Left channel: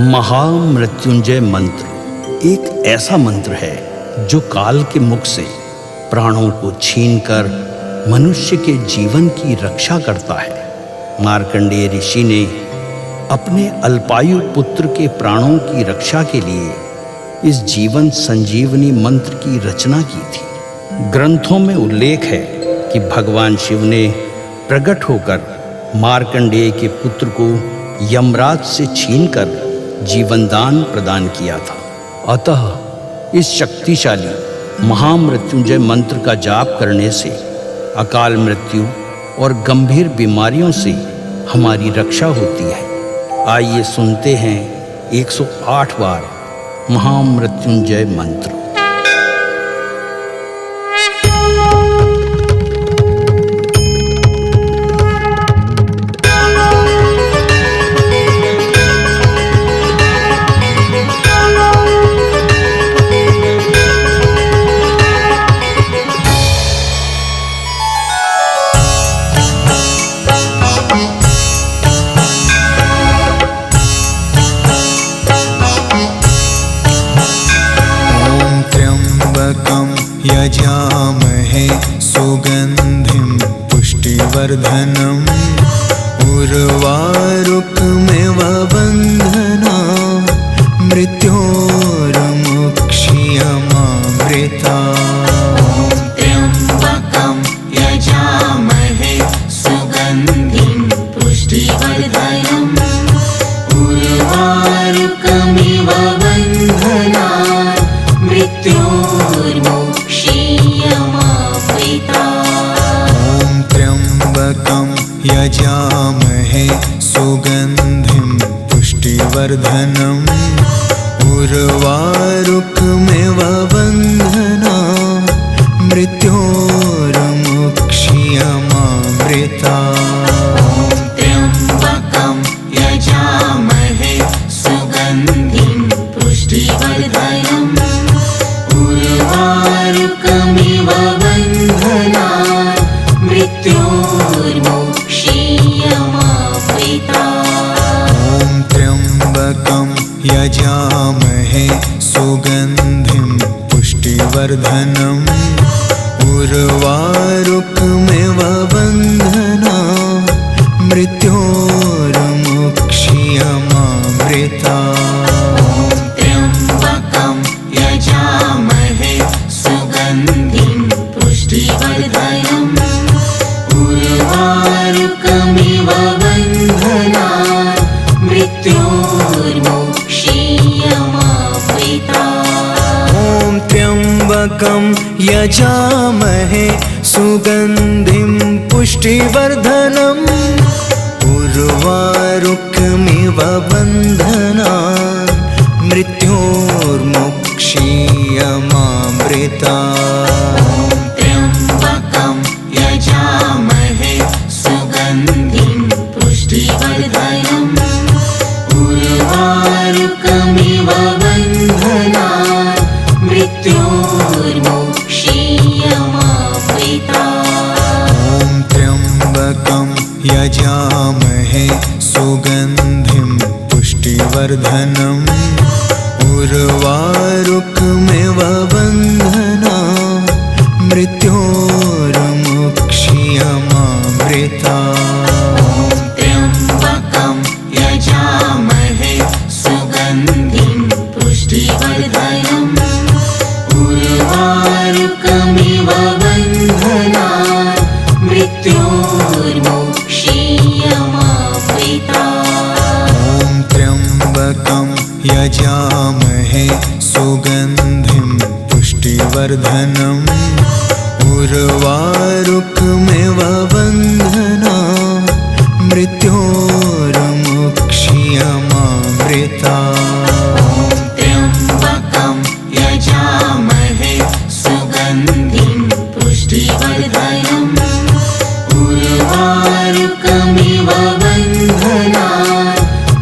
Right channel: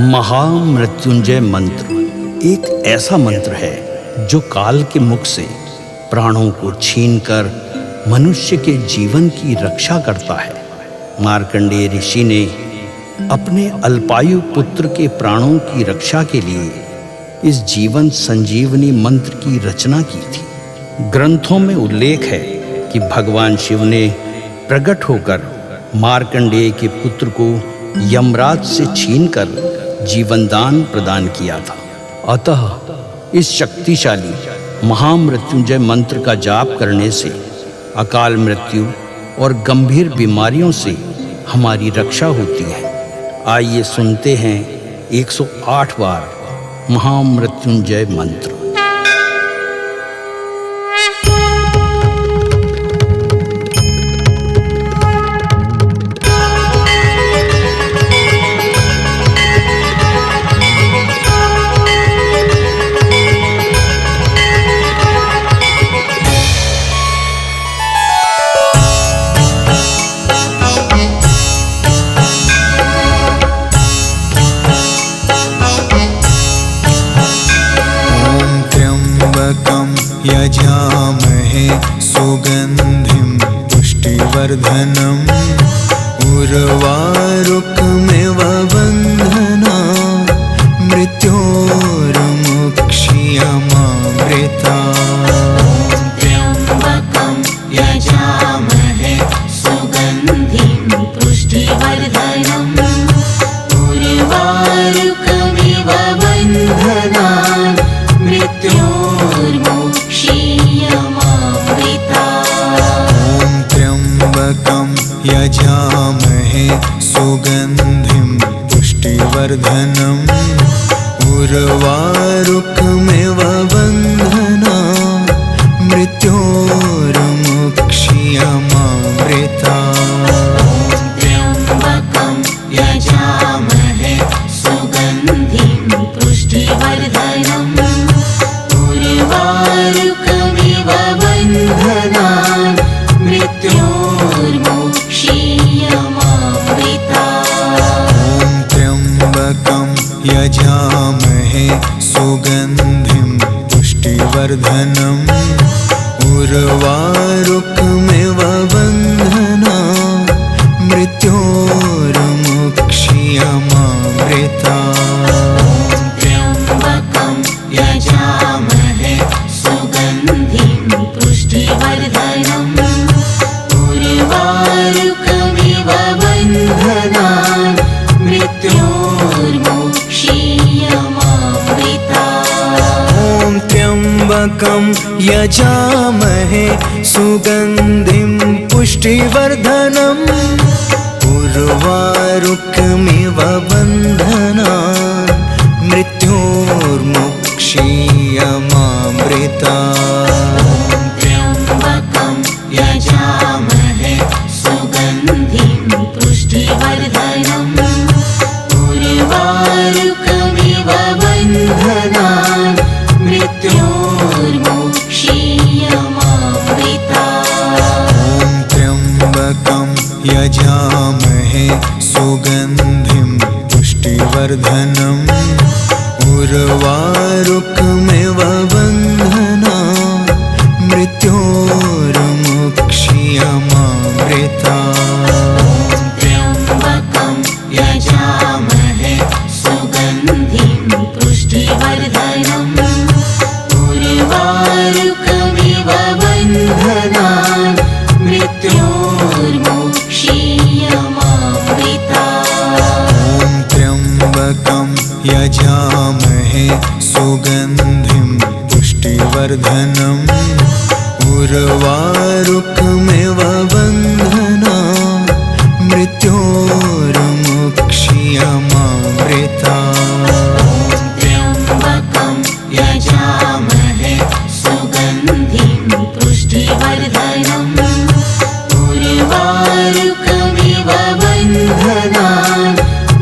महामृत्युंजय मंत्र एक ऐसा मंत्र है जो काल के मुख से प्राणों को छीनकर मनुष्य के जीवन की रक्षा करता है। मार्कंडेय ऋषि ने अपने अल्पायु पुत्र के प्राणों की रक्षा के लिए इस जीवन संजीवनी मंत्र की रचना की थी। ग्रंथों में उल्लेख है कि भगवान शिव ने प्रकट होकर मार्कंडेय के पुत्र को यमराज से छीनकर जीवनदान प्रदान किया था। अतः इस शक्तिशाली महामृत्युंजय मंत्र का जाप करने से अकाल मृत्यु और गंभीर बीमारियों से हमारी रक्षा होती है। आइए सुनते हैं 108 बार महामृत्युंजय मंत्र। यजामहे सुगंधिं पुष्टिवर्धनम् उर्वारुकमिव बन्धना मृत्योर्मुक्षीयमामृता। त्र्यम्बकं यजामहे सुगन्धिं पुष्टिवर्धनम् उर्वारुकमिव बन्धना त्र्यम्बकं यजामहे सुगन्धिं पुष्टिवर्धनम् उर्वारुकमिव बन्धना मृत्योर्मुक्षीयमामृता। त्र्यम्बकं यजामहे सुगन्धिं पुष्टिवर्धनम् उर्वारुकमिव बन्धना मृत्योर्मुक्षीयमामृता। त्र्यम्बकं यजामहे सुगन्धिं पुष्टिवर्धनम् उर्वारुकमिव बन्धना मृत्योर्मुक्षीयमामृता। त्र्यम्बकं यजामहे सुगन्धिं पुष्टिवर्धनम् उर्वारुकमिव बन्धना मृत्योर्मुक्षीयमामृता। त्र्यम्बकं यजामहे सुगन्धिं पुष्टिवर्धनम् उर्वारुकमिव बन्धना मृत्योर्मुक्षीयमामृता। त्र्यम्बकं यजामहे सुगन्धिं पुष्टिवर्धनम् उर्वारुकमिव बन्धना मृत्योर्मुक्षीयमामृता। त्र्यम्बकं यजामहे सुगन्धिं पुष्टिवर्धनम् उर्वारुकमिव बन्धना मृत्योर्मुक्षीयमामृता। त्र्यम्बकं यजामहे सुगन्धिं पुष्टिवर्धनम् उर्वारुकमिव बन्धना मृत्योर्मुक्षीयमामृता। त्र्यम्बकं यजामहे सुगन्धिं पुष्टिवर्धनम् उर्वारुकमिव बन्धना मृत्योर्मुक्षीयमामृता। त्र्यम्बकं यजामहे सुगन्धिं पुष्टिवर्धनम् उर्वारुकमिव बन्धना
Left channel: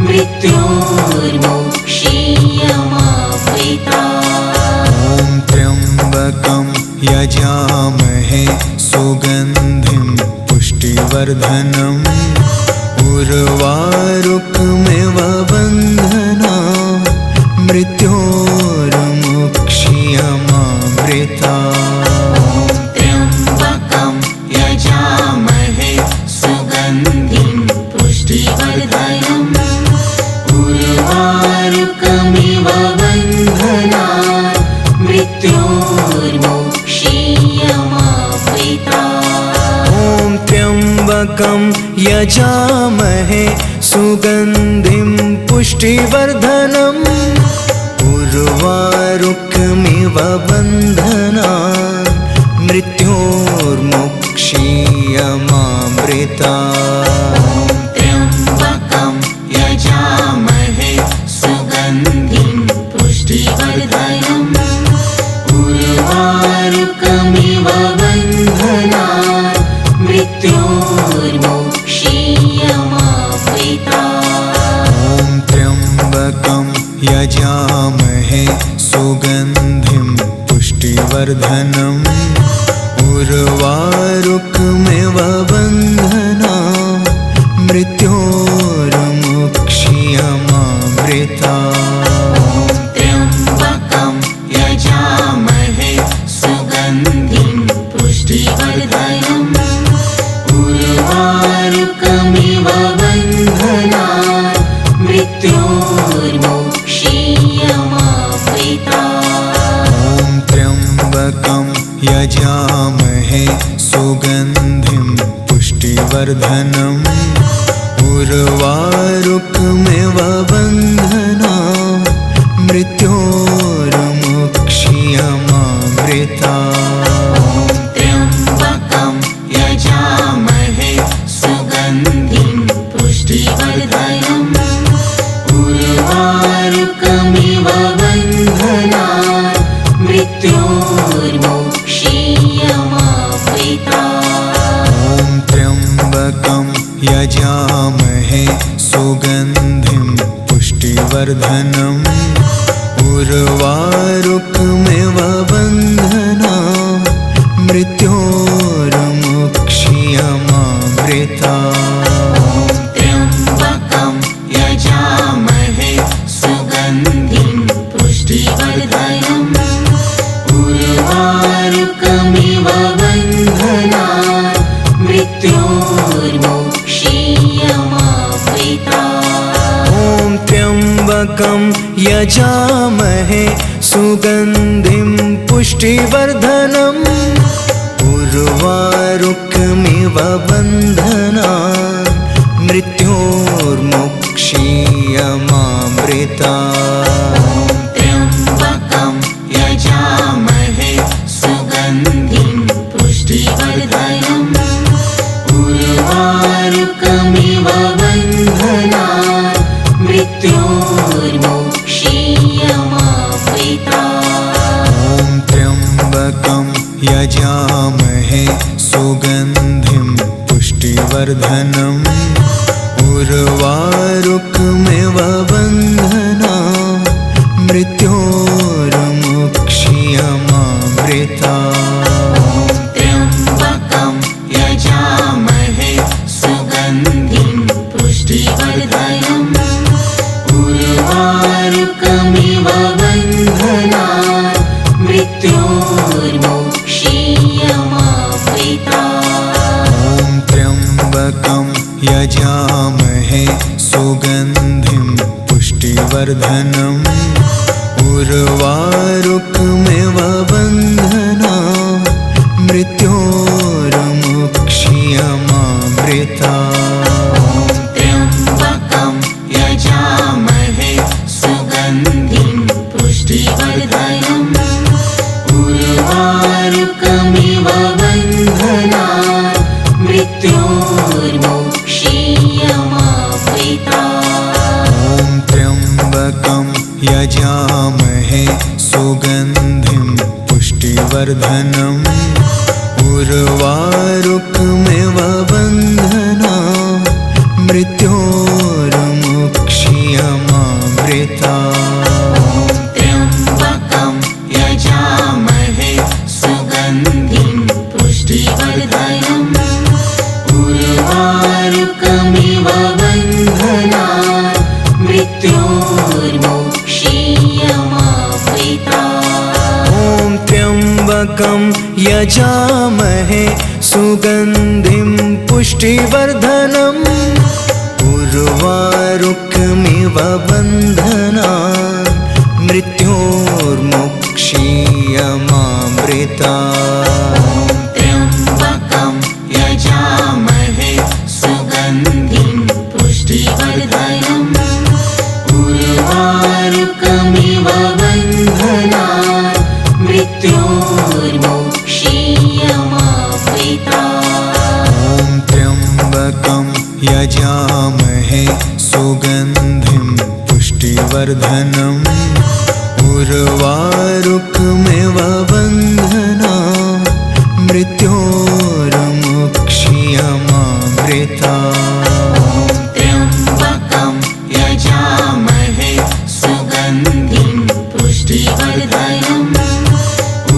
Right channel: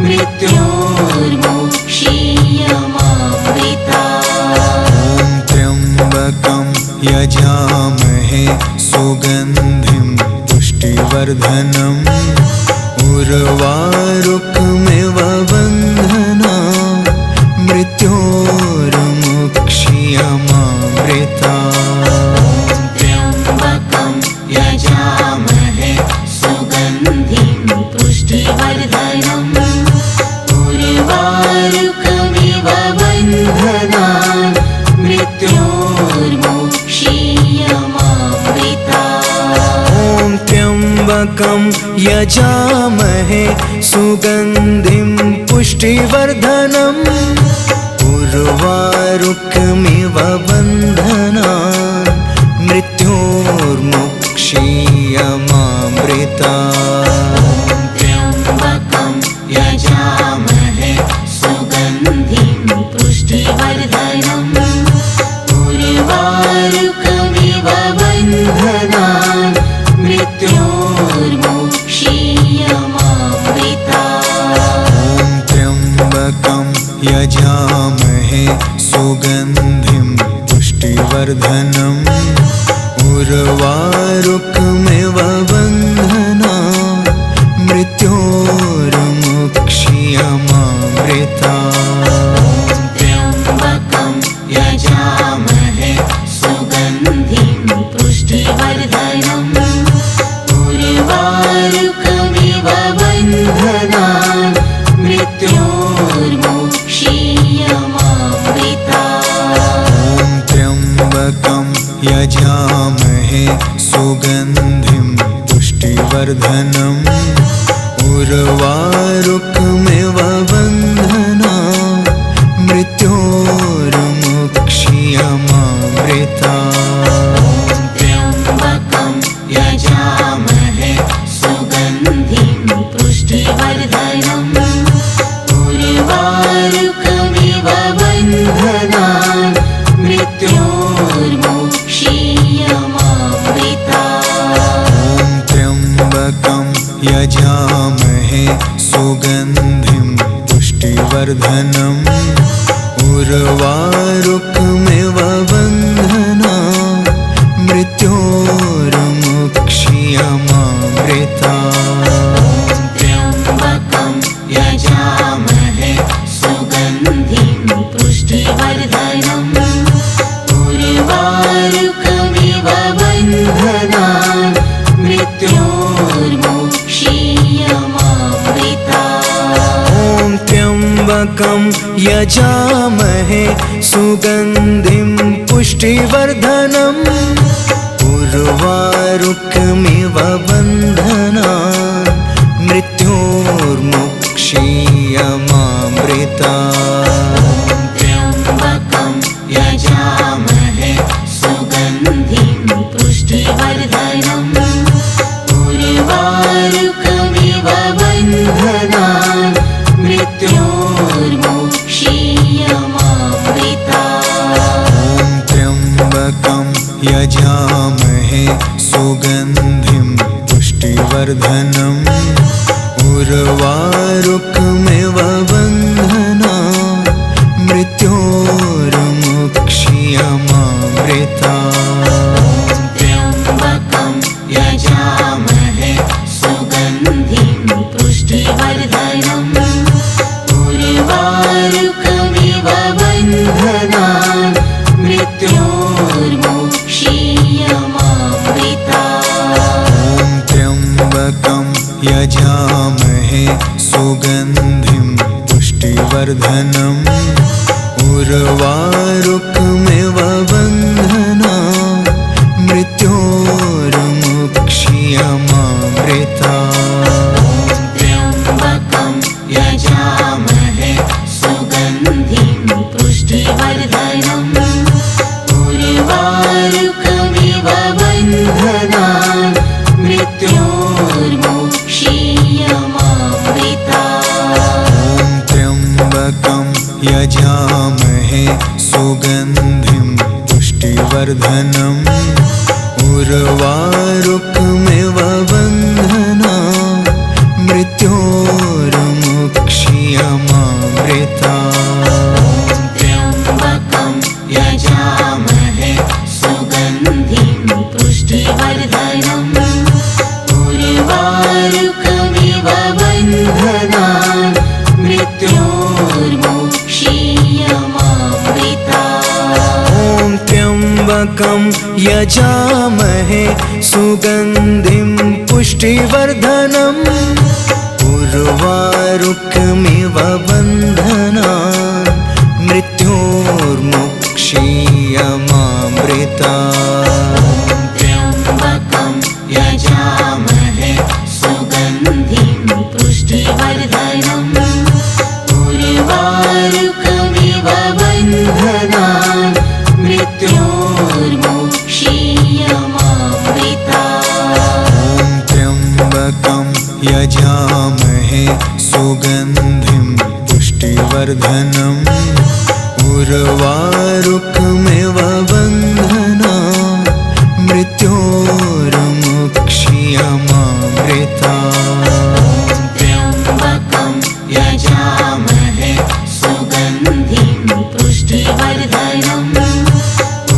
मृत्योर्मुक्षीयमामृता। त्र्यम्बकं यजामहे सुगन्धिं पुष्टिवर्धनम् उर्वारुकमिव बन्धना मृत्योर्मुक्षीयमामृता त्र्यम्बकं यजामहे सुगन्धिं पुष्टिवर्धनम् उर्वारुकमिव बन्धनान् मृत्योर्मुक्षीयमामृता ॐ त्र्यम्बकं यजामहे सुगन्धिं पुष्टिवर्धनम् उर्वारुकमिव बन्धनान् मृत्योर्मुक्षीयमामृता त्र्यम्बकं यजामहे सुगन्धिं पुष्टिवर्धनम् उर्वारुकमिव बन्धनान् मृत्योर्मुक्षीयमामृता ॐ त्र्यम्बकं यजामहे सुगन्धिं पुष्टिवर्धनम् उर्वारुकमिव बन्धनान् मृत्योर्मुक्षीयमामृता त्र्यम्बकं यजामहे सुगन्धिं पुष्टिवर्धनम् उर्वारुकमिव बन्धनान् मृत्योर्मुक्षीयमामृता ॐ त्र्यम्बकं यजामहे सुगन्धिं पुष्टिवर्धनम् उर्वारुकमिव बन्धनान् मृत्योर्मुक्षीयमामृता त्र्यम्बकं यजामहे सुगन्धिं पुष्टिवर्धनम् उर्वारुकमिव बन्धनान् मृत्योर्मुक्षीयमामृता ॐ त्र्यम्बकं यजामहे सुगन्धिं पुष्टिवर्धनम् उर्वारुकमिव बन्धनान् मृत्योर्मुक्षीयमामृता त्र्यम्बकं यजामहे सुगन्धिं पुष्टिवर्धनम् उर्वारुकमिव बन्धनान् मृत्योर्मुक्षीयमामृता ॐ त्र्यम्बकं यजामहे सुगन्धिं पुष्टिवर्धनम् उर्वारुकमिव बन्धनान् मृत्योर्मुक्षीयमामृता त्र्यम्बकं यजामहे सुगन्धिं पुष्टिवर्धनम् उर्वारुकमिव बन्धनान् मृत्योर्मुक्षीयमामृता ॐ त्र्यम्बकं यजामहे सुगन्धिं पुष्टिवर्धनम् उर्वारुकमिव बन्धनान् मृत्योर्मुक्षीयमामृता त्र्यम्बकं यजामहे सुगन्धिं पुष्टिवर्धनम् उर्वारुकमिव बन्धनान् मृत्योर्मुक्षीयमामृता ॐ त्र्यम्बकं यजामहे सुगन्धिं पुष्टिवर्धनम् उर्वारुकमिव बन्धनान् मृत्योर्मुक्षीयमामृता त्र्यम्बकं यजामहे सुगन्धिं पुष्टिवर्धनम् उर्वारुकमिव बन्धनान् मृत्योर्मुक्षीयमामृता ॐ त्र्यम्बकं यजामहे सुगन्धिं पुष्टिवर्धनम् उर्वारुकमिव बन्धनान् मृत्योर्मुक्षीयमामृता त्र्यम्बकं यजामहे सुगन्धिं पुष्टिवर्धनम् उर्वारुकमिव बन्धनान् मृत्योर्मुक्षीयमामृता त्र्यम्बकं यजामहे सुगन्धिं पुष्टिवर्धनम् उर्वारुकमिव बन्धनान् मृत्योर्मुक्षीयमामृतात्। त्र्यम्बकं यजामहे सुगन्धिं पुष्टिवर्धनम् उर्वारुकमिव बन्धनान् मृत्योर्मुक्षीयमामृतात्। ॐ त्र्यम्बकं यजामहे सुगन्धिं पुष्टिवर्धनम् उर्वारुकमिव बन्धनान् मृत्योर्मुक्षीयमामृतात्। त्र्यम्बकं यजामहे सुगन्धिं पुष्टिवर्धनम्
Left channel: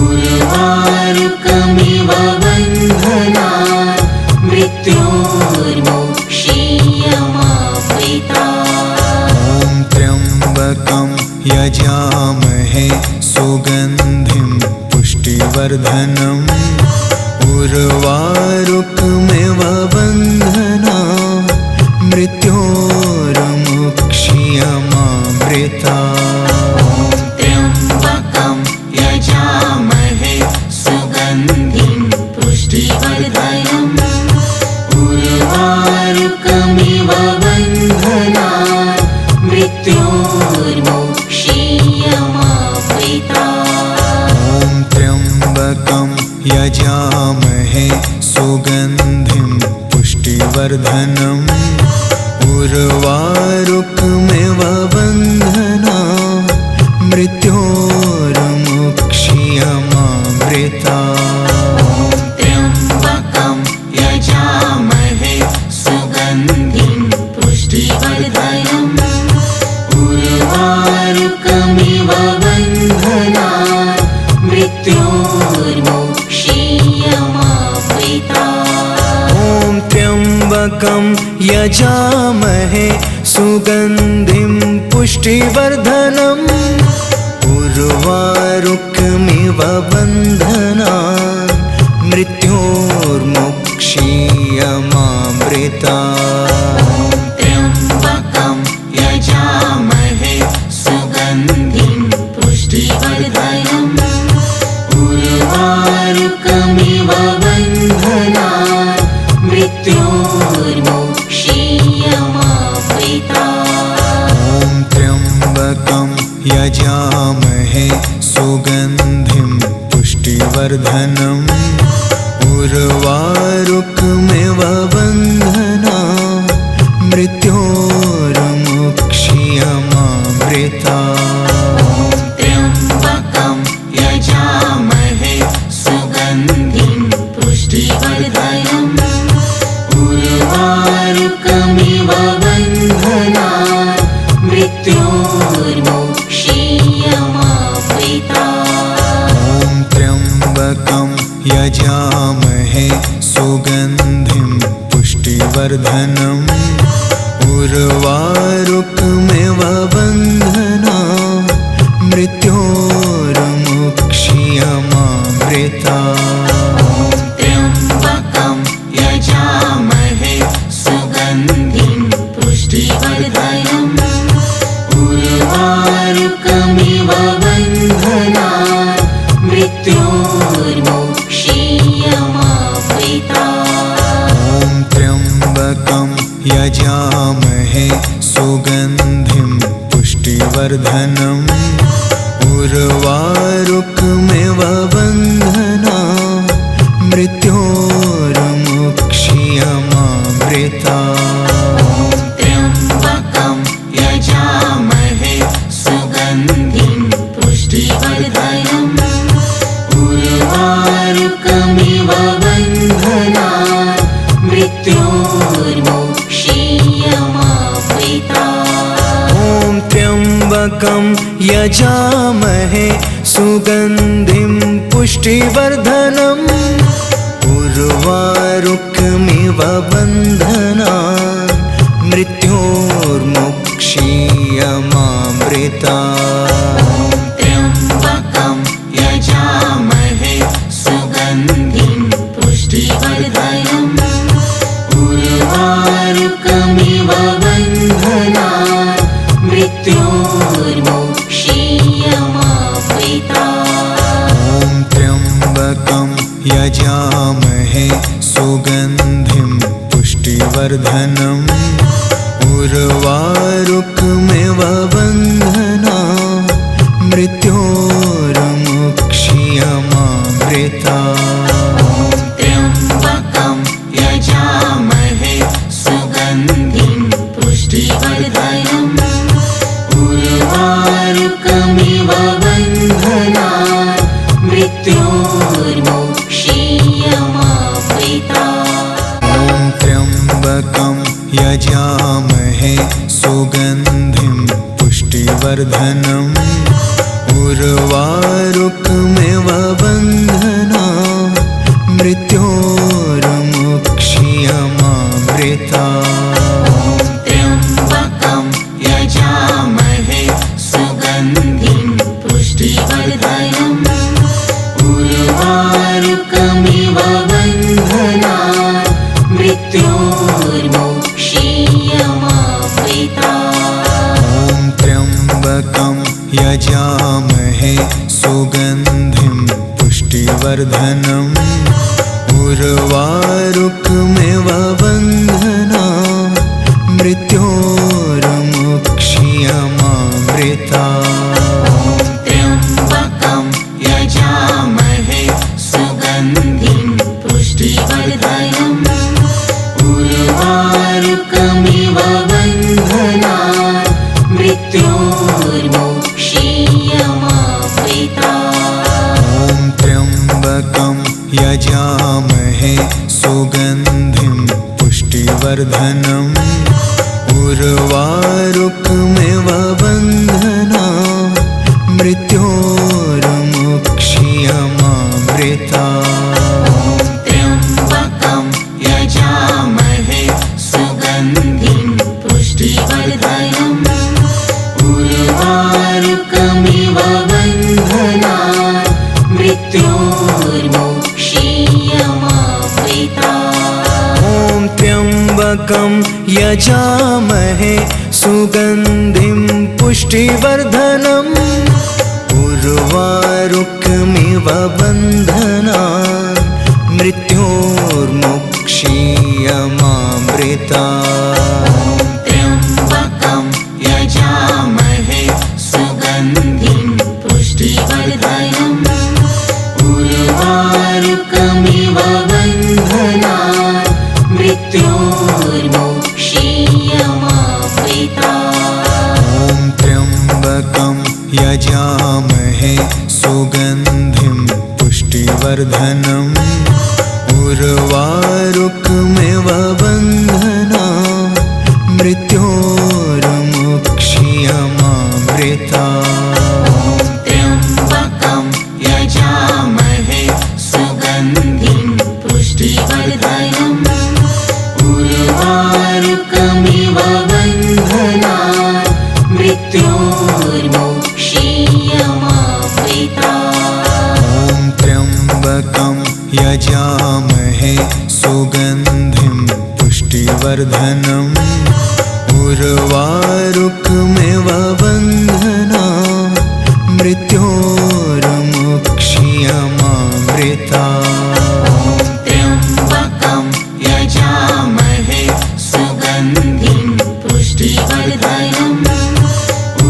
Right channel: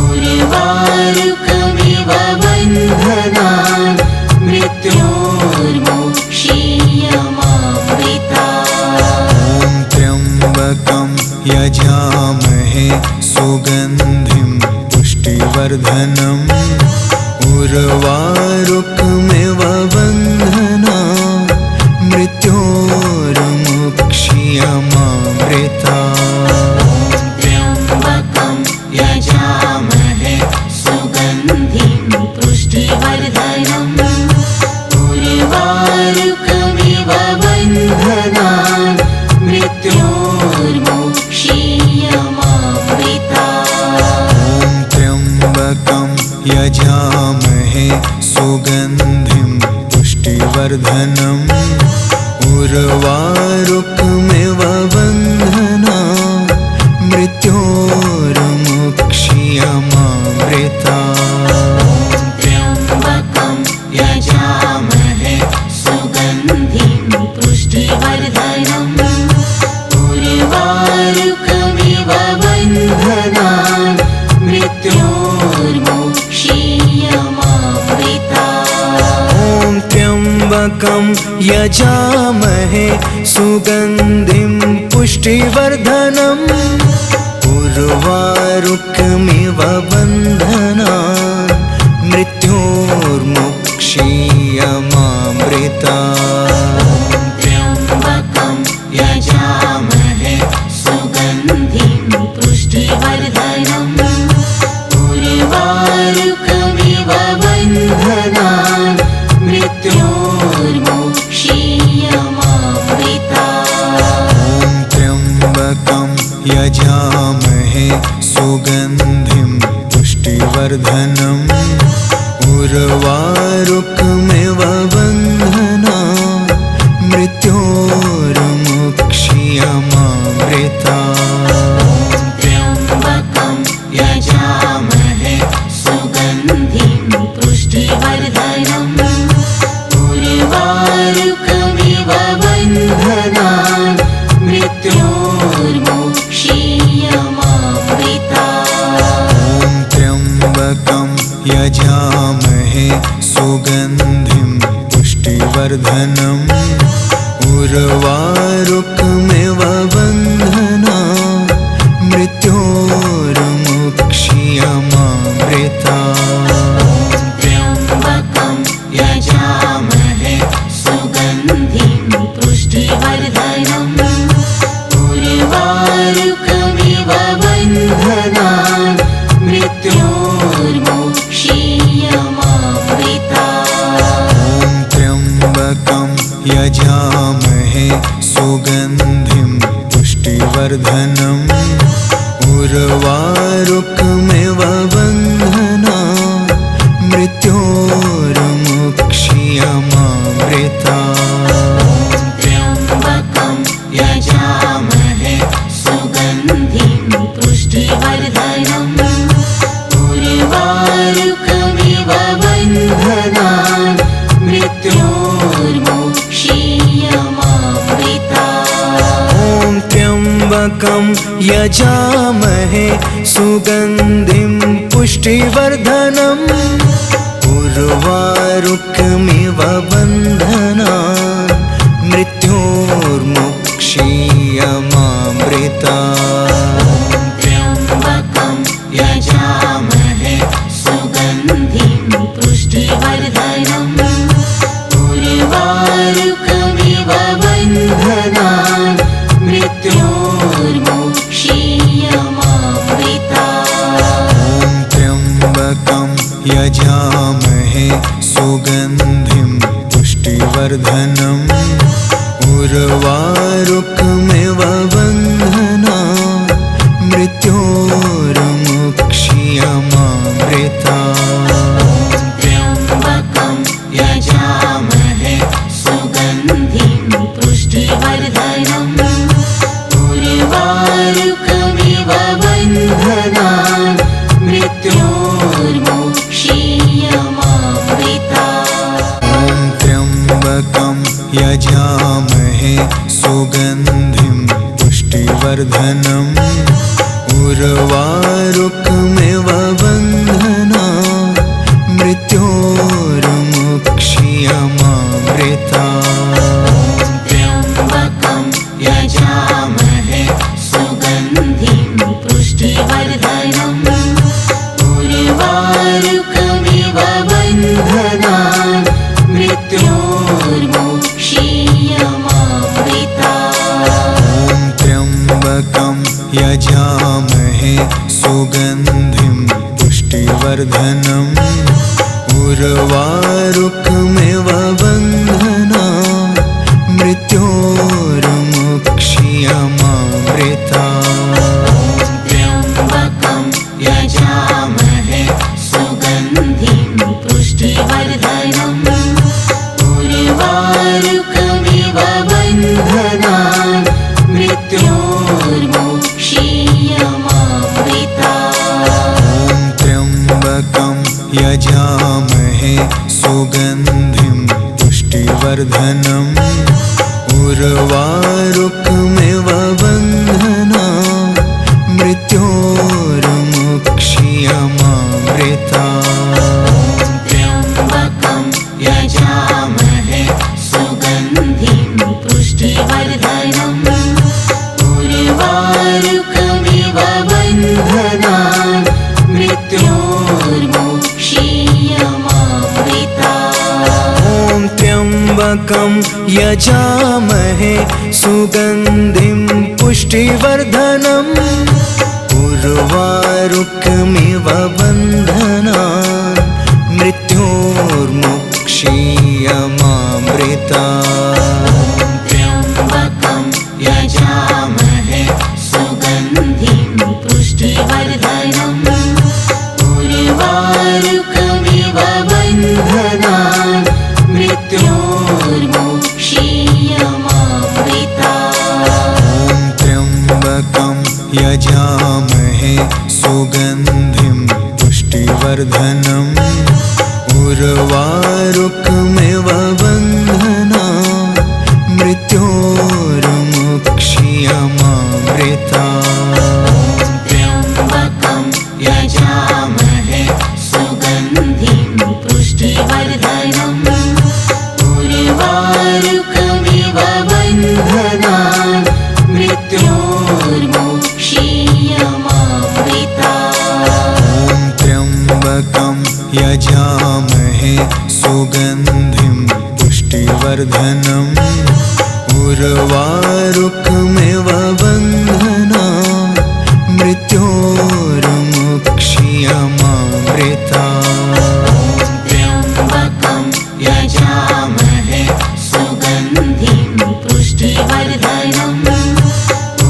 उर्वारुकमिव बन्धनान् मृत्योर्मुक्षीयमामृतात्। ॐ त्र्यम्बकं यजामहे सुगन्धिं पुष्टिवर्धनम् उर्वारुकमिव बन्धनान् मृत्योर्मुक्षीयमामृतात्। त्र्यम्बकं यजामहे सुगन्धिं पुष्टिवर्धनम् उर्वारुकमिव बन्धनान् मृत्योर्मुक्षीयमामृतात्। ॐ त्र्यम्बकं यजामहे सुगन्धिं पुष्टिवर्धनम् उर्वारुकमिव बन्धनान् मृत्योर्मुक्षीयमामृतात्। त्र्यम्बकं यजामहे सुगन्धिं पुष्टिवर्धनम् उर्वारुकमिव बन्धनान् मृत्योर्मुक्षीयमामृतात्। ॐ त्र्यम्बकं यजामहे सुगन्धिं पुष्टिवर्धनम् उर्वारुकमिव बन्धनान् मृत्योर्मुक्षीयमामृतात्। त्र्यम्बकं यजामहे सुगन्धिं पुष्टिवर्धनम् उर्वारुकमिव बन्धनान् मृत्योर्मुक्षीयमामृतात्। ॐ त्र्यम्बकं यजामहे सुगन्धिं पुष्टिवर्धनम् उर्वारुकमिव बन्धनान् मृत्योर्मुक्षीयमामृतात्। त्र्यम्बकं यजामहे सुगन्धिं पुष्टिवर्धनम् उर्वारुकमिव बन्धनान् मृत्योर्मुक्षीयमामृतात्। ॐ त्र्यम्बकं यजामहे सुगन्धिं पुष्टिवर्धनम् उर्वारुकमिव बन्धनान् मृत्योर्मुक्षीयमामृतात्। त्र्यम्बकं यजामहे सुगन्धिं पुष्टिवर्धनम् उर्वारुकमिव बन्धनान् मृत्योर्मुक्षीयमामृतात्। ॐ त्र्यम्बकं यजामहे सुगन्धिं पुष्टिवर्धनम् उर्वारुकमिव बन्धनान् मृत्योर्मुक्षीयमामृतात्। त्र्यम्बकं यजामहे सुगन्धिं पुष्टिवर्धनम् उर्वारुकमिव बन्धनान् मृत्योर्मुक्षीयमामृतात्। ॐ त्र्यम्बकं यजामहे सुगन्धिं पुष्टिवर्धनम् उर्वारुकमिव बन्धनान् मृत्योर्मुक्षीयमामृतात्। त्र्यम्बकं यजामहे पुष्टिवर्धनम् उर्वारुकमिव बन्धनान् मृत्योर्मुक्ष्यमामृतात्। त्र्यम्बकं यजामहे सुगन्धिं पुष्टिवर्धनम् उर्वारुकमिव बन्धनान् मृत्योर्मुक्ष्यमामृतात्। ॐ त्र्यम्बकं यजामहे सुगन्धिं पुष्टिवर्धनम् उर्वारुकमिव बन्धनान् मृत्योर्मुक्ष्यमामृतात्। त्र्यम्बकं यजामहे सुगन्धिं पुष्टिवर्धनम् उर्वारुकमिव बन्धनान् मृत्योर्मुक्ष्यमामृतात्। ॐ त्र्यम्बकं यजामहे सुगन्धिं पुष्टिवर्धनम् उर्वारुकमिव बन्धनान् मृत्योर्मुक्ष्यमामृतात्। त्र्यम्बकं यजामहे सुगन्धिं पुष्टिवर्धनम् उर्वारुकमिव बन्धनान् मृत्योर्मुक्ष्यमामृतात्। ॐ त्र्यम्बकं यजामहे सुगन्धिं पुष्टिवर्धनम् उर्वारुकमिव बन्धनान् मृत्योर्मुक्ष्यमामृतात्। त्र्यम्बकं यजामहे सुगन्धिं पुष्टिवर्धनम् उर्वारुकमिव बन्धनान् मृत्योर्मुक्ष्यमामृतात्। ॐ त्र्यम्बकं यजामहे सुगन्धिं पुष्टिवर्धनम् उर्वारुकमिव बन्धनान् मृत्योर्मुक्ष्यमामृतात्। त्र्यम्बकं यजामहे सुगन्धिं पुष्टिवर्धनम् उर्वारुकमिव बन्धनान् मृत्योर्मुक्ष्यमामृतात्। ॐ त्र्यम्बकं यजामहे सुगन्धिं पुष्टिवर्धनम् उर्वारुकमिव बन्धनान् मृत्योर्मुक्ष्यमामृतात्। त्र्यम्बकं यजामहे सुगन्धिं पुष्टिवर्धनम् उर्वारुकमिव बन्धनान् मृत्योर्मुक्ष्यमामृतात्। ॐ त्र्यम्बकं यजामहे सुगन्धिं पुष्टिवर्धनम् उर्वारुकमिव बन्धनान् मृत्योर्मुक्ष्यमामृतात्। त्र्यम्बकं यजामहे सुगन्धिं पुष्टिवर्धनम्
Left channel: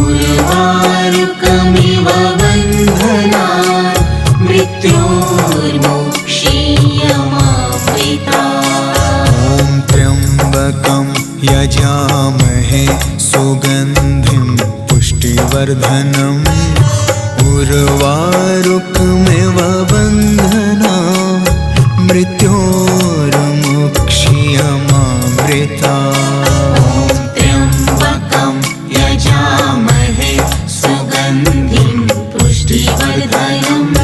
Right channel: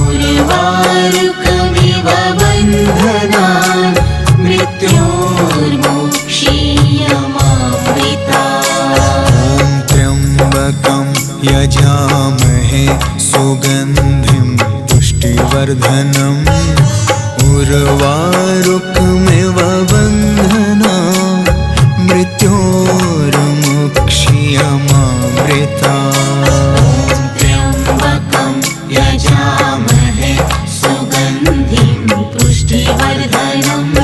उर्वारुकमिव बन्धनान् मृत्योर्मुक्ष्यमामृतात्। ॐ त्र्यम्बकं यजामहे सुगन्धिं पुष्टिवर्धनम् उर्वारुकमिव बन्धनान् मृत्योर्मुक्ष्यमामृतात्। त्र्यम्बकं यजामहे सुगन्धिं पुष्टिवर्धनम्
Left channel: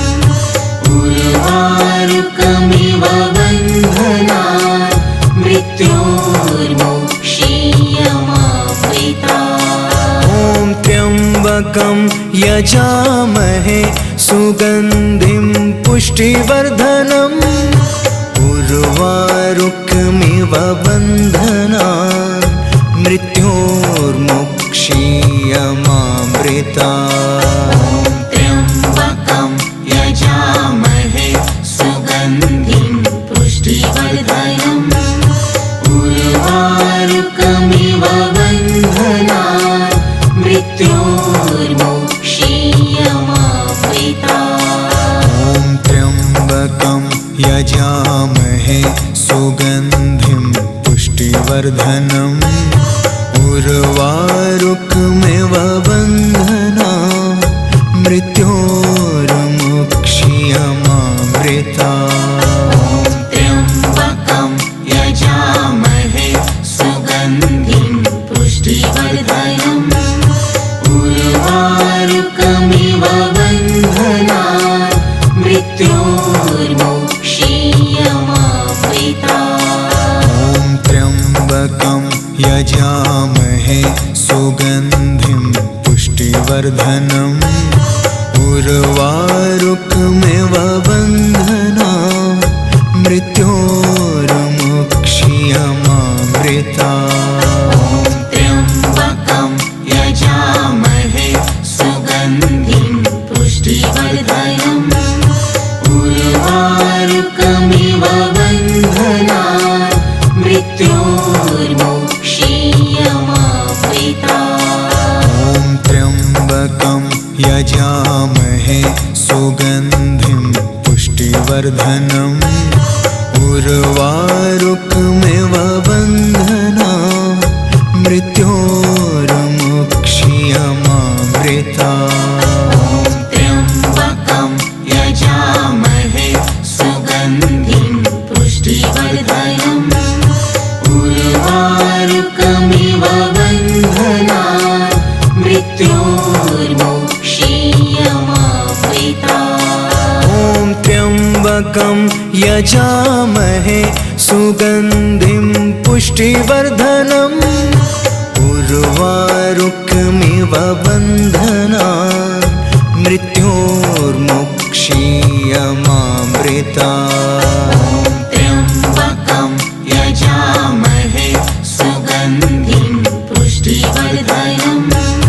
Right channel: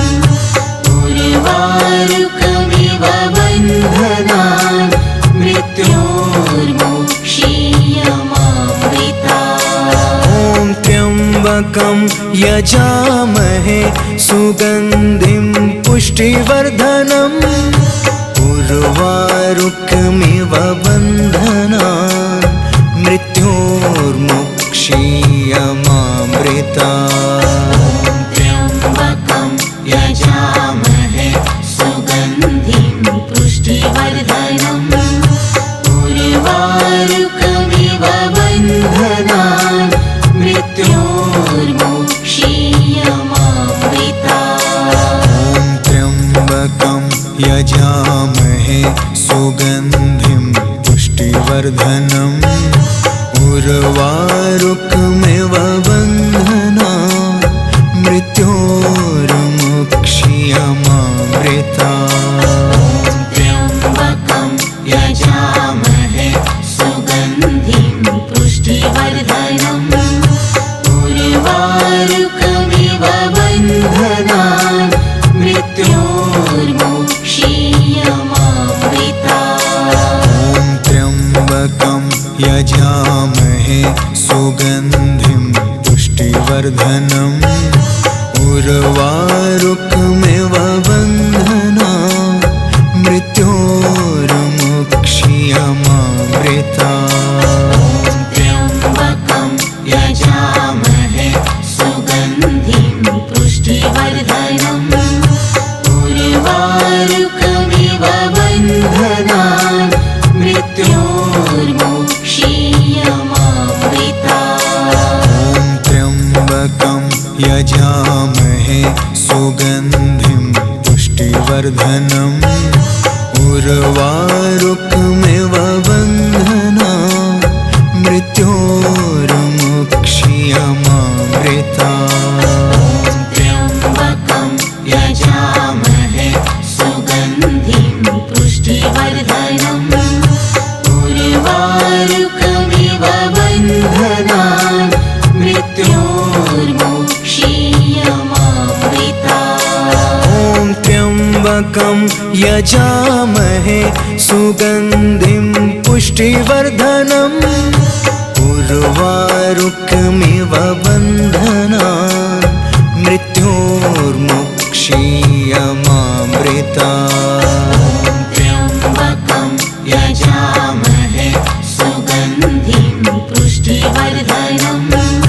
उर्वारुकमिव बन्धनान् मृत्योर्मुक्ष्यमामृतात्। ॐ त्र्यम्बकं यजामहे सुगन्धिं पुष्टिवर्धनम् उर्वारुकमिव बन्धनान् मृत्योर्मुक्ष्यमामृतात्। त्र्यम्बकं यजामहे सुगन्धिं पुष्टिवर्धनम् उर्वारुकमिव मृत्योर्मोक्षीयमावृता। ॐ त्र्यम्बकं यजामहे सुगन्धिं पुष्टिवर्धनम् उर्वारुकमिव बन्धनान् मृत्योर्मुक्षीयमावृता। त्र्यम्बकं यजामहे सुगन्धिं पुष्टिवर्धनम् उर्वारुकमिव बन्धनान् मृत्योर्मुक्षीयमावृता। ॐ त्र्यम्बकं यजामहे सुगन्धिं पुष्टिवर्धनम् उर्वारुकमिव बन्धनान् मृत्योर्मुक्षीयमावृता। त्र्यम्बकं यजामहे सुगन्धिं पुष्टिवर्धनम् उर्वारुकमिव बन्धनान् मृत्योर्मुक्षीयमावृता। ॐ त्र्यम्बकं यजामहे सुगन्धिं पुष्टिवर्धनम् उर्वारुकमिव बन्धनान् मृत्योर्मुक्षीयमावृता। त्र्यम्बकं यजामहे सुगन्धिं पुष्टिवर्धनम् उर्वारुकमिव बन्धनान् मृत्योर्मुक्षीयमावृता। ॐ त्र्यम्बकं यजामहे सुगन्धिं पुष्टिवर्धनम् उर्वारुकमिव बन्धनान् मृत्योर्मुक्षीयमावृता। त्र्यम्बकं यजामहे सुगन्धिं पुष्टिवर्धनम्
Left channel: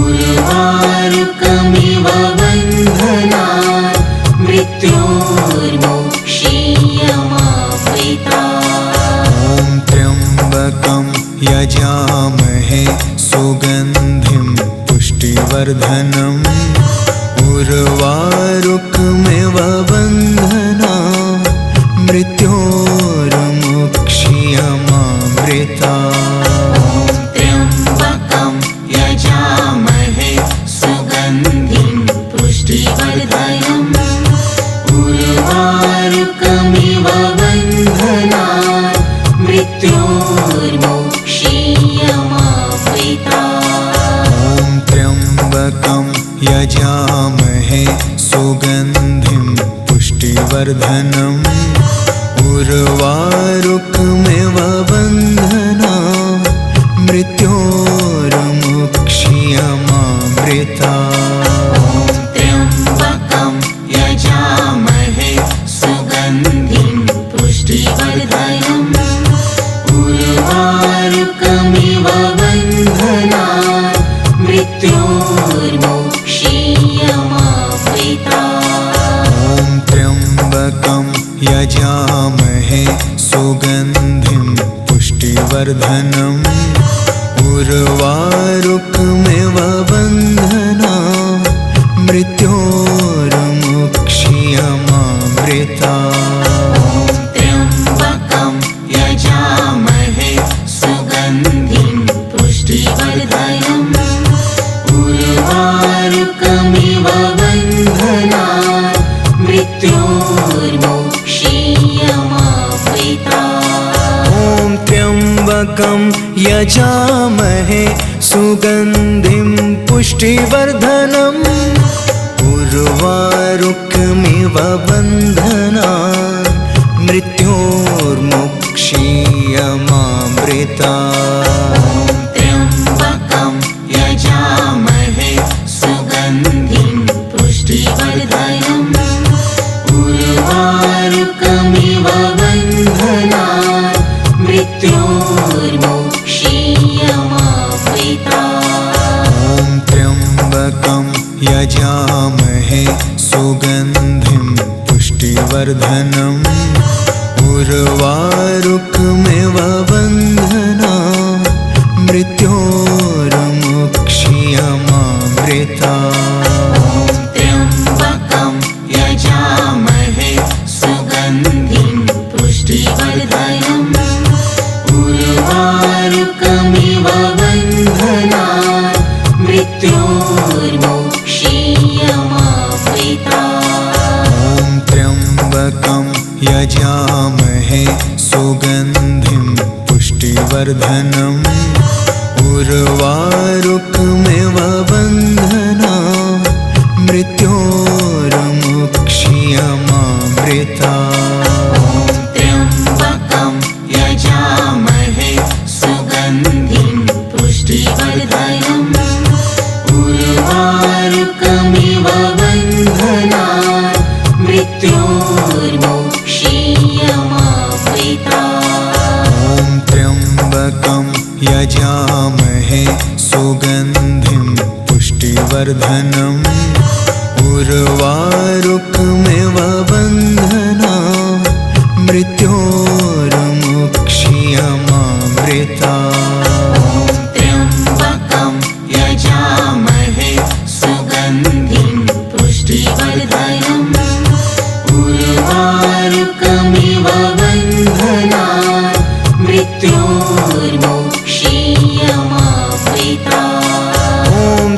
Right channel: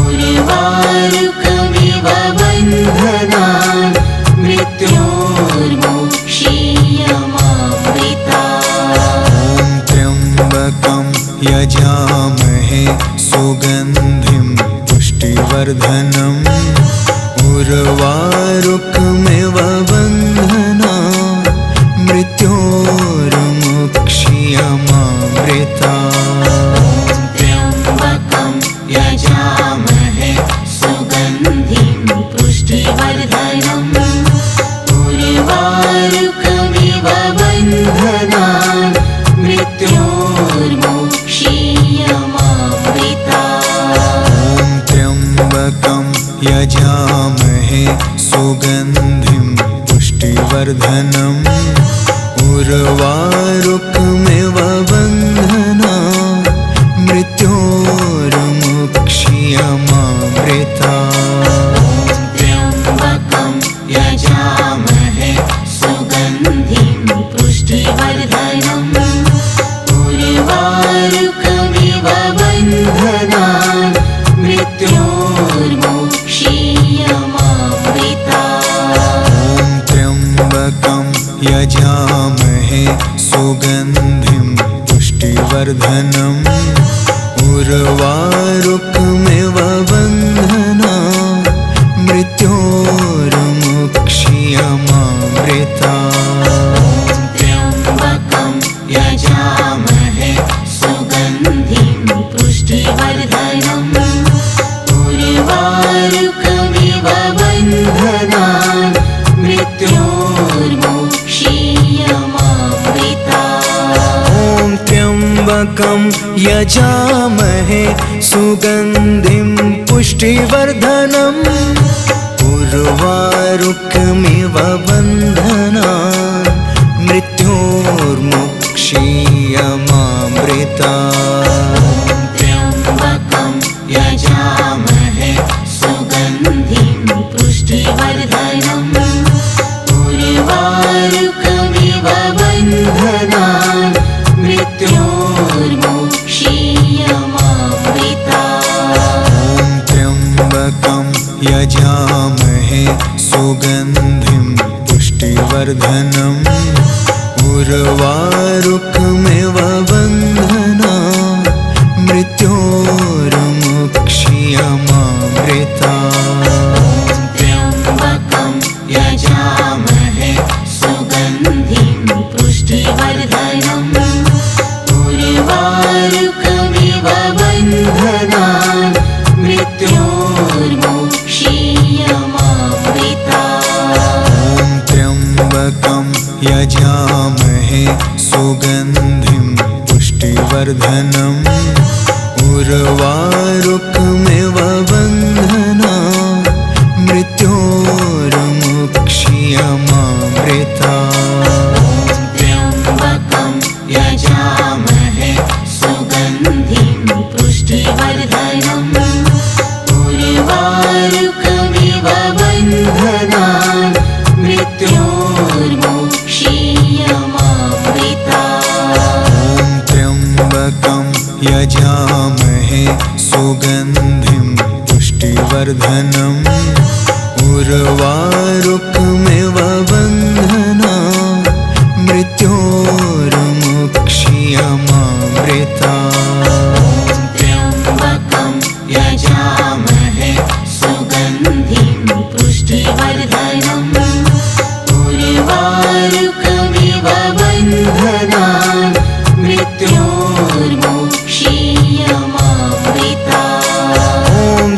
उर्वारुकमिव बन्धनान् मृत्योर्मुक्षीयमावृता। ॐ त्र्यम्बकं यजामहे सुगन्धिं पुष्टिवर्धनम् उर्वारुकमिव बन्धनान् मृत्योर्मुक्षीयमावृता। त्र्यम्बकं यजामहे सुगन्धिं पुष्टिवर्धनम् उर्वारुकमिव बन्धनान् मृत्योर्मुक्षीयमावृता। ॐ त्र्यम्बकं यजामहे सुगन्धिं पुष्टिवर्धनम् उर्वारुकमिव बन्धनान् मृत्योर्मुक्षीयमावृता। त्र्यम्बकं यजामहे सुगन्धिं पुष्टिवर्धनम् उर्वारुकमिव बन्धनान् मृत्योर्मुक्षीयमावृता। ॐ त्र्यम्बकं यजामहे सुगन्धिं पुष्टिवर्धनम् उर्वारुकमिव बन्धनान् मृत्योर्मुक्षीयमावृता। त्र्यम्बकं यजामहे सुगन्धिं पुष्टिवर्धनम् उर्वारुकमिव बन्धनान् मृत्योर्मुक्षीयमावृता। ॐ त्र्यम्बकं यजामहे सुगन्धिं पुष्टिवर्धनम् उर्वारुकमिव बन्धनान् मृत्योर्मुक्षीयमावृता। त्र्यम्बकं यजामहे सुगन्धिं पुष्टिवर्धनम् उर्वारुकमिव बन्धनान् मृत्योर्मुक्षीयमावृता। ॐ त्र्यम्बकं यजामहे सुगन्धिं पुष्टिवर्धनम् उर्वारुकमिव बन्धनान् मृत्योर्मुक्षीयमावृता। यजामहे सुगन्धिं पुष्टिवर्धनम् उर्वारुकमिव बन्धनान् मृत्योर्मुक्ष्यमामृतात्। त्र्यम्बकं यजामहे सुगन्धिं पुष्टिवर्धनम् उर्वारुकमिव बन्धनान् मृत्योर्मुक्ष्यमामृतात्। ॐ त्र्यम्बकं यजामहे सुगन्धिं पुष्टिवर्धनम् उर्वारुकमिव बन्धनान् मृत्योर्मुक्ष्यमामृतात्। त्र्यम्बकं यजामहे सुगन्धिं पुष्टिवर्धनम् उर्वारुकमिव बन्धनान् मृत्योर्मुक्ष्यमामृतात्। ॐ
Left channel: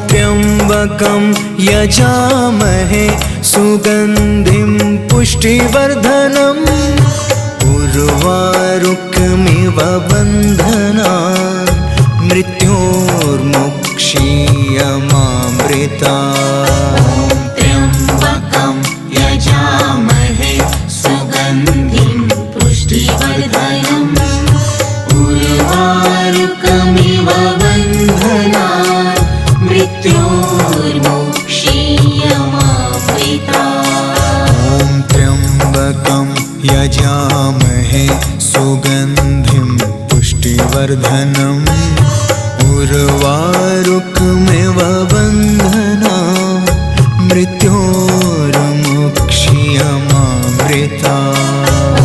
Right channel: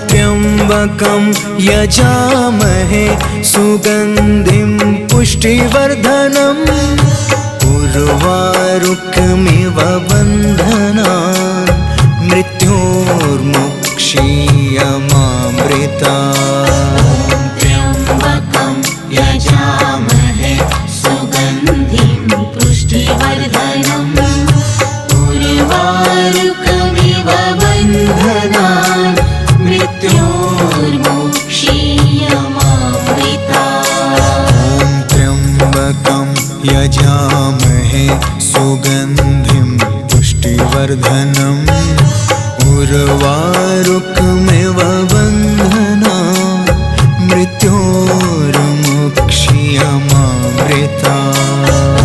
त्र्यम्बकं यजामहे सुगन्धिं पुष्टिवर्धनम् उर्वारुकमिव बन्धनान् मृत्योर्मुक्ष्यमामृतात्। त्र्यम्बकं यजामहे सुगन्धिं पुष्टिवर्धनम् उर्वारुकमिव बन्धनान् मृत्योर्मुक्ष्यमामृतात्। ॐ त्र्यम्बकं यजामहे सुगन्धिं पुष्टिवर्धनम् उर्वारुकमिव बन्धनान् मृत्योर्मुक्ष्यमामृतात्।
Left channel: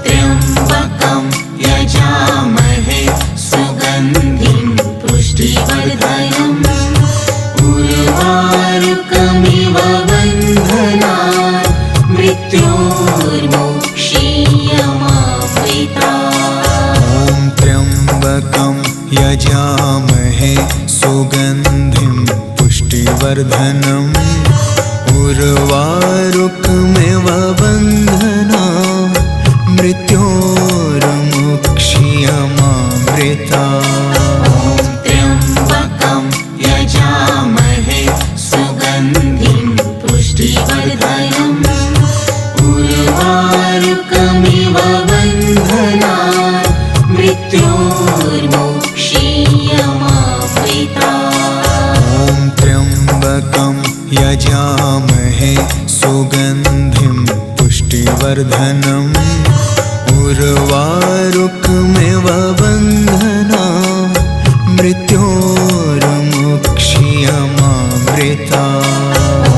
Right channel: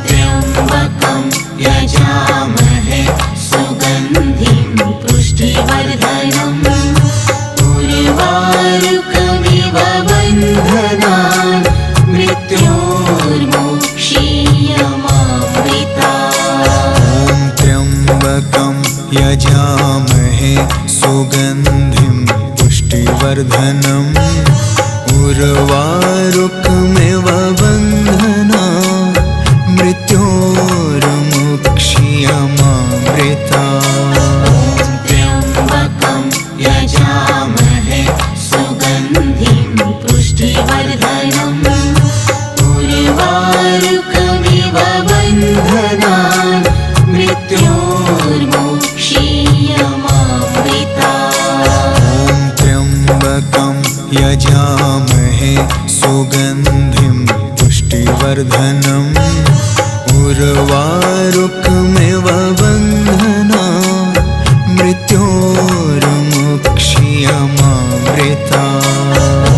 त्र्यम्बकं यजामहे सुगन्धिं पुष्टिवर्धनम् उर्वारुकमिव बन्धनान् मृत्योर्मुक्ष्यमामृतात्। ॐ त्र्यम्बकं यजामहे सुगन्धिं पुष्टिवर्धनम् उर्वारुकमिव बन्धनान् मृत्योर्मुक्ष्यमामृतात्। त्र्यम्बकं यजामहे सुगन्धिं पुष्टिवर्धनम् उर्वारुकमिव बन्धनान् मृत्योर्मुक्ष्यमामृतात्। ॐ त्र्यम्बकं यजामहे सुगन्धिं पुष्टिवर्धनम् उर्वारुकमिव बन्धनान् मृत्योर्मुक्ष्यमामृतात्।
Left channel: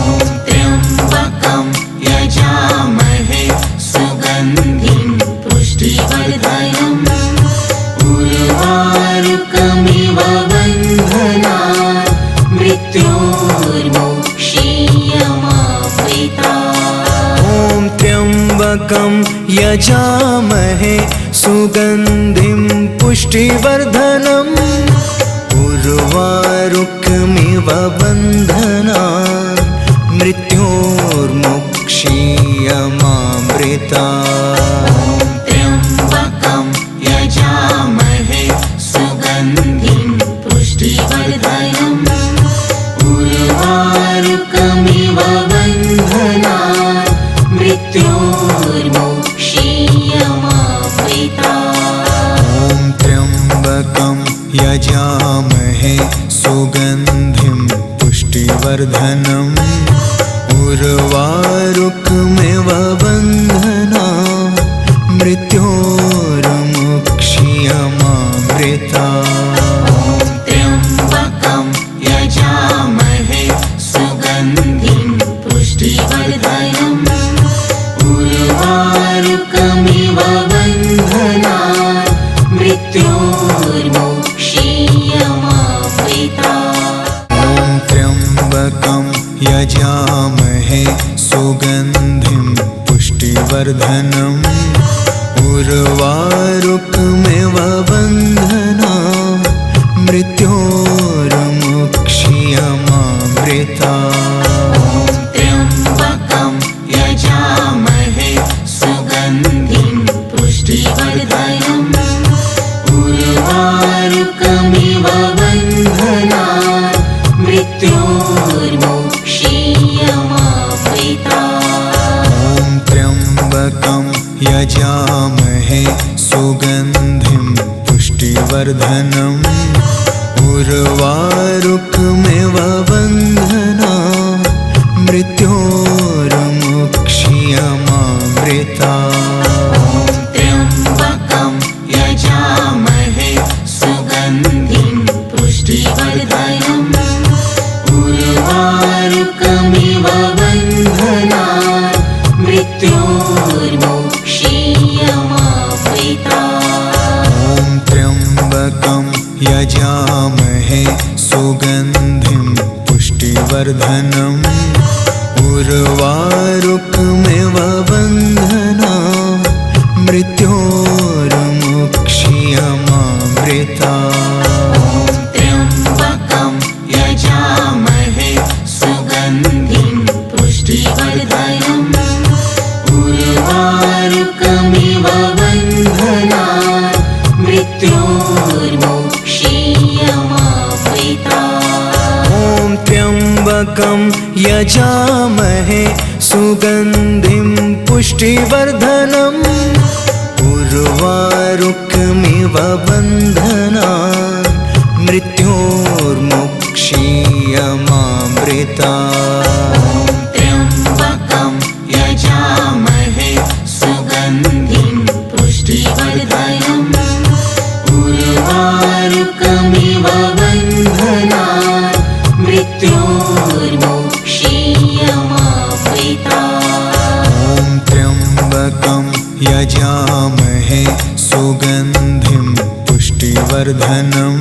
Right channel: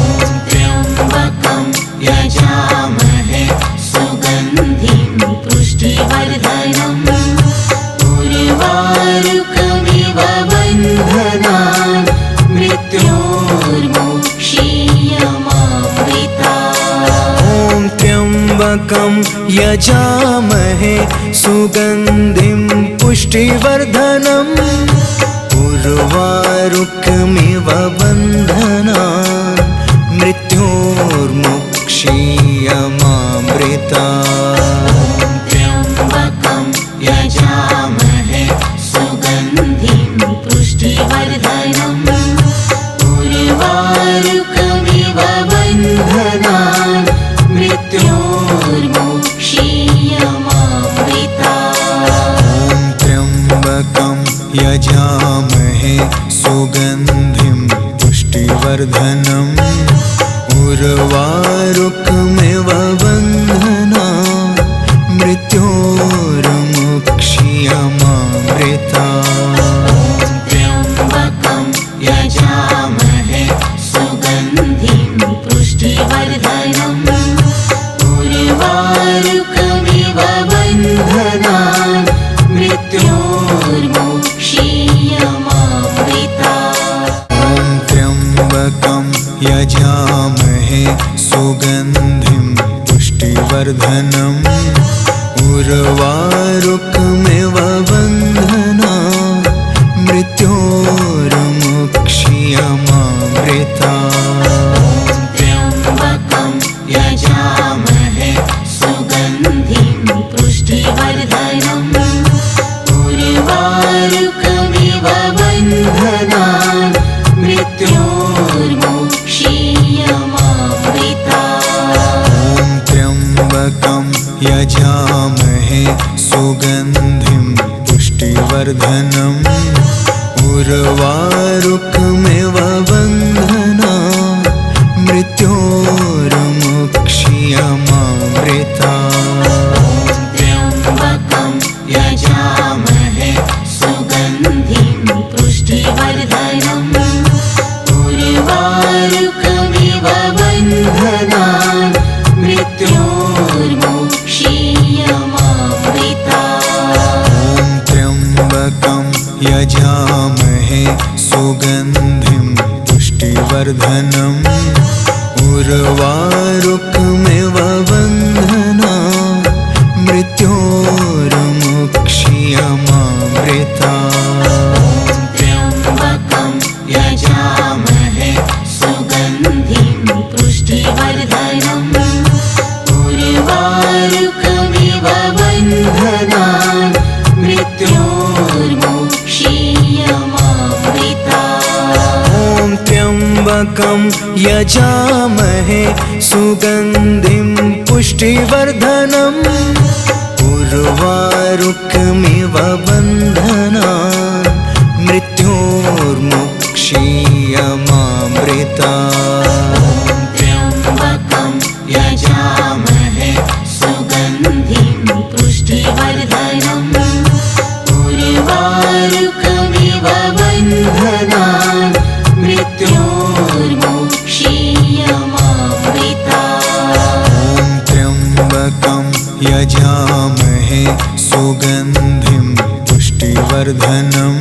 त्र्यम्बकं यजामहे सुगन्धिं पुष्टिवर्धनम् उर्वारुकमिव बन्धनान् मृत्योर्मुक्ष्यमामृतात्। ॐ त्र्यम्बकं यजामहे सुगन्धिं पुष्टिवर्धनम् उर्वारुकमिव बन्धनान् मृत्योर्मुक्ष्यमामृतात्। त्र्यम्बकं यजामहे सुगन्धिं पुष्टिवर्धनम् उर्वारुकमिव बन्धनान् मृत्योर्मुक्ष्यमामृतात्। ॐ त्र्यम्बकं यजामहे सुगन्धिं पुष्टिवर्धनम् उर्वारुकमिव बन्धनान् मृत्योर्मुक्ष्यमामृतात्। त्र्यम्बकं यजामहे सुगन्धिं पुष्टिवर्धनम् उर्वारुकमिव बन्धनान् मृत्योर्मुक्ष्यमामृतात्। ॐ त्र्यम्बकं यजामहे सुगन्धिं पुष्टिवर्धनम् उर्वारुकमिव बन्धनान् मृत्योर्मुक्ष्यमामृतात्। त्र्यम्बकं यजामहे सुगन्धिं बन्धनान् मृत्योर्मोक्षीयमावृतात्। ॐ त्र्यम्बकं यजामहे सुगन्धिं पुष्टिवर्धनम् उर्वारुकमिव बन्धनान् मृत्योर्मुक्षीयमामृतात्। त्र्यम्बकं यजामहे सुगन्धिं पुष्टिवर्धनम् उर्वारुकमिव बन्धनान् मृत्योर्मुक्षीयमावृतात्। ॐ त्र्यम्बकं यजामहे सुगन्धिं पुष्टिवर्धनम् उर्वारुकमिव बन्धनान् मृत्योर्मुक्षीयमामृतात्। त्र्यम्बकं यजामहे सुगन्धिं पुष्टिवर्धनम् उर्वारुकमिव बन्धनान् मृत्योर्मुक्षीयमावृतात्। ॐ त्र्यम्बकं यजामहे सुगन्धिं पुष्टिवर्धनम् उर्वारुकमिव बन्धनान् मृत्योर्मुक्षीयमामृतात्। त्र्यम्बकं यजामहे सुगन्धिं पुष्टिवर्धनम् उर्वारुकमिव बन्धनान् मृत्योर्मुक्षीयमावृतात्। ॐ त्र्यम्बकं यजामहे सुगन्धिं पुष्टिवर्धनम्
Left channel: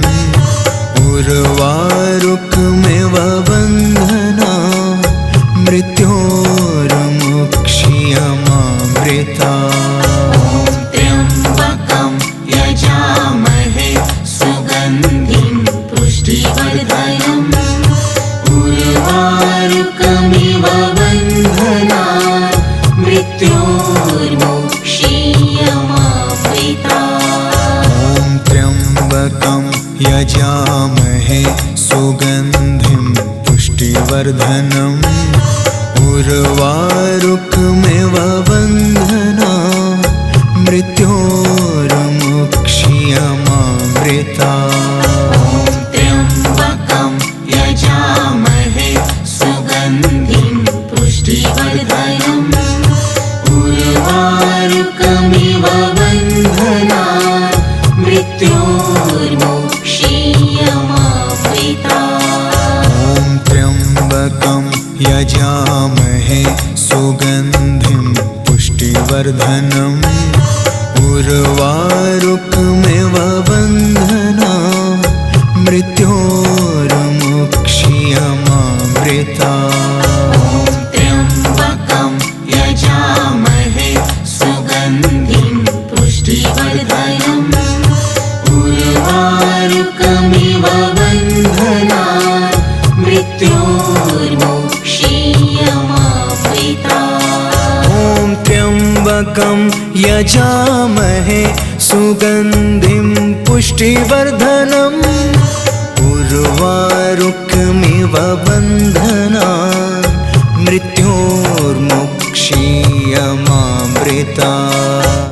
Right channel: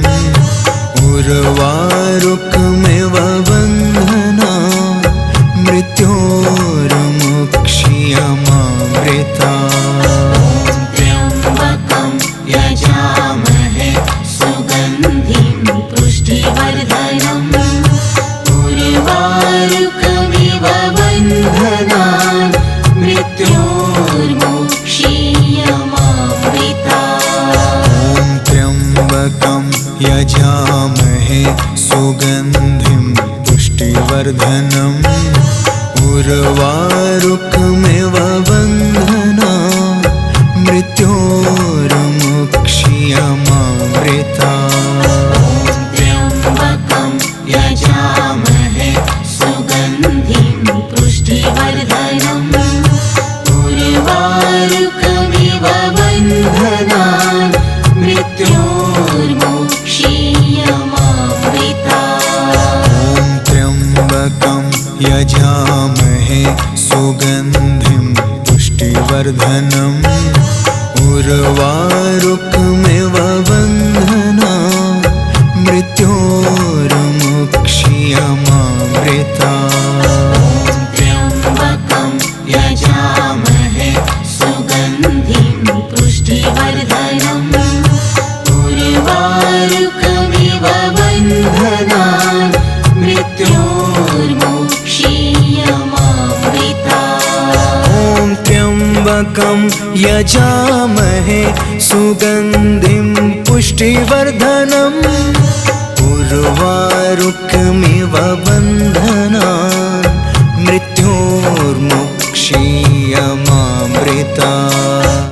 उर्वारुकमिव बन्धनान् मृत्योर्मुक्षीयमामृतात्। त्र्यम्बकं यजामहे सुगन्धिं पुष्टिवर्धनम् उर्वारुकमिव बन्धनान् मृत्योर्मुक्षीयमावृतात्। ॐ त्र्यम्बकं यजामहे सुगन्धिं पुष्टिवर्धनम् उर्वारुकमिव बन्धनान् मृत्योर्मुक्षीयमामृतात्। त्र्यम्बकं यजामहे सुगन्धिं पुष्टिवर्धनम् उर्वारुकमिव बन्धनान् मृत्योर्मुक्षीयमावृतात्। ॐ त्र्यम्बकं यजामहे सुगन्धिं पुष्टिवर्धनम् उर्वारुकमिव बन्धनान् मृत्योर्मुक्षीयमामृतात्। त्र्यम्बकं यजामहे सुगन्धिं पुष्टिवर्धनम् उर्वारुकमिव बन्धनान् मृत्योर्मुक्षीयमावृतात्। ॐ त्र्यम्बकं यजामहे सुगन्धिं पुष्टिवर्धनम् उर्वारुकमिव बन्धनान् मृत्योर्मुक्षीयमामृतात्।